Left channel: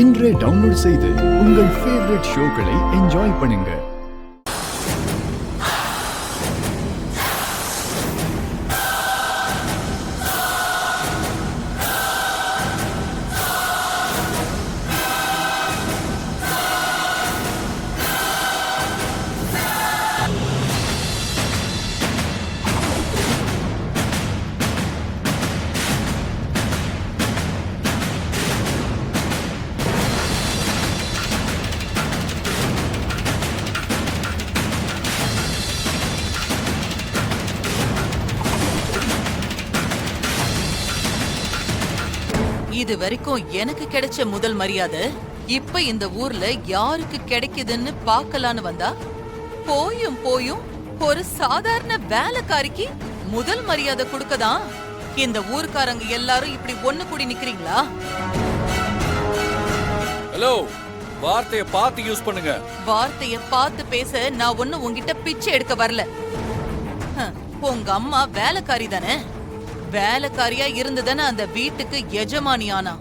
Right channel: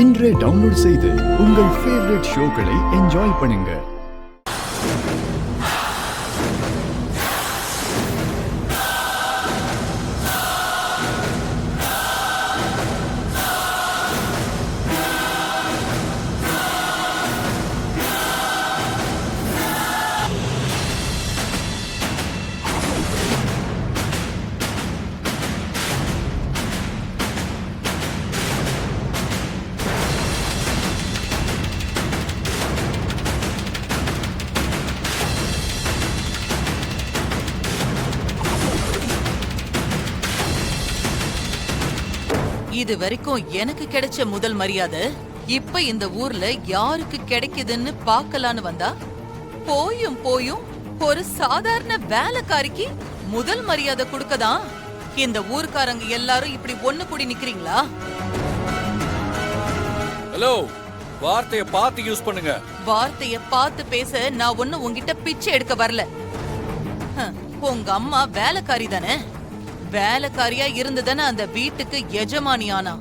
இன்றே டவுன்லோட் செய்து உங்கள் ஃபேவரட் ஷோக்களை என்ஜாய் பண்ணுங்க. இது வரைக்கும் எனக்கு கிடைச்ச முதல் மரியாதை இப்ப இந்த ஊர்ல யாருக்கு கிடைக்குதுன்னு பாக்கலான்னு வந்தா, போயும் போயும் ஒரு சாதாரண வேலைக்காரிக்கு முதல் மரியாதை கொடுக்கதான் இந்த ஊர்க்காரங்க எல்லாரும் இப்படி ஒண்ணு கூடி நிக்கிறீங்களா? ஹலோ, வார்த்தைய பார்த்து யூஸ் பண்ணுங்க. வார்த்தைய பார்த்து பேச நான் ஒண்ணு உன்கிட்ட பிச்சை எடுக்க வரல. உங்க அம்மா வேலைக்காரி தானே? வேலைக்காரியா இருந்துதானே அந்த வீட்டுக்கு எஜமானி ஆனா.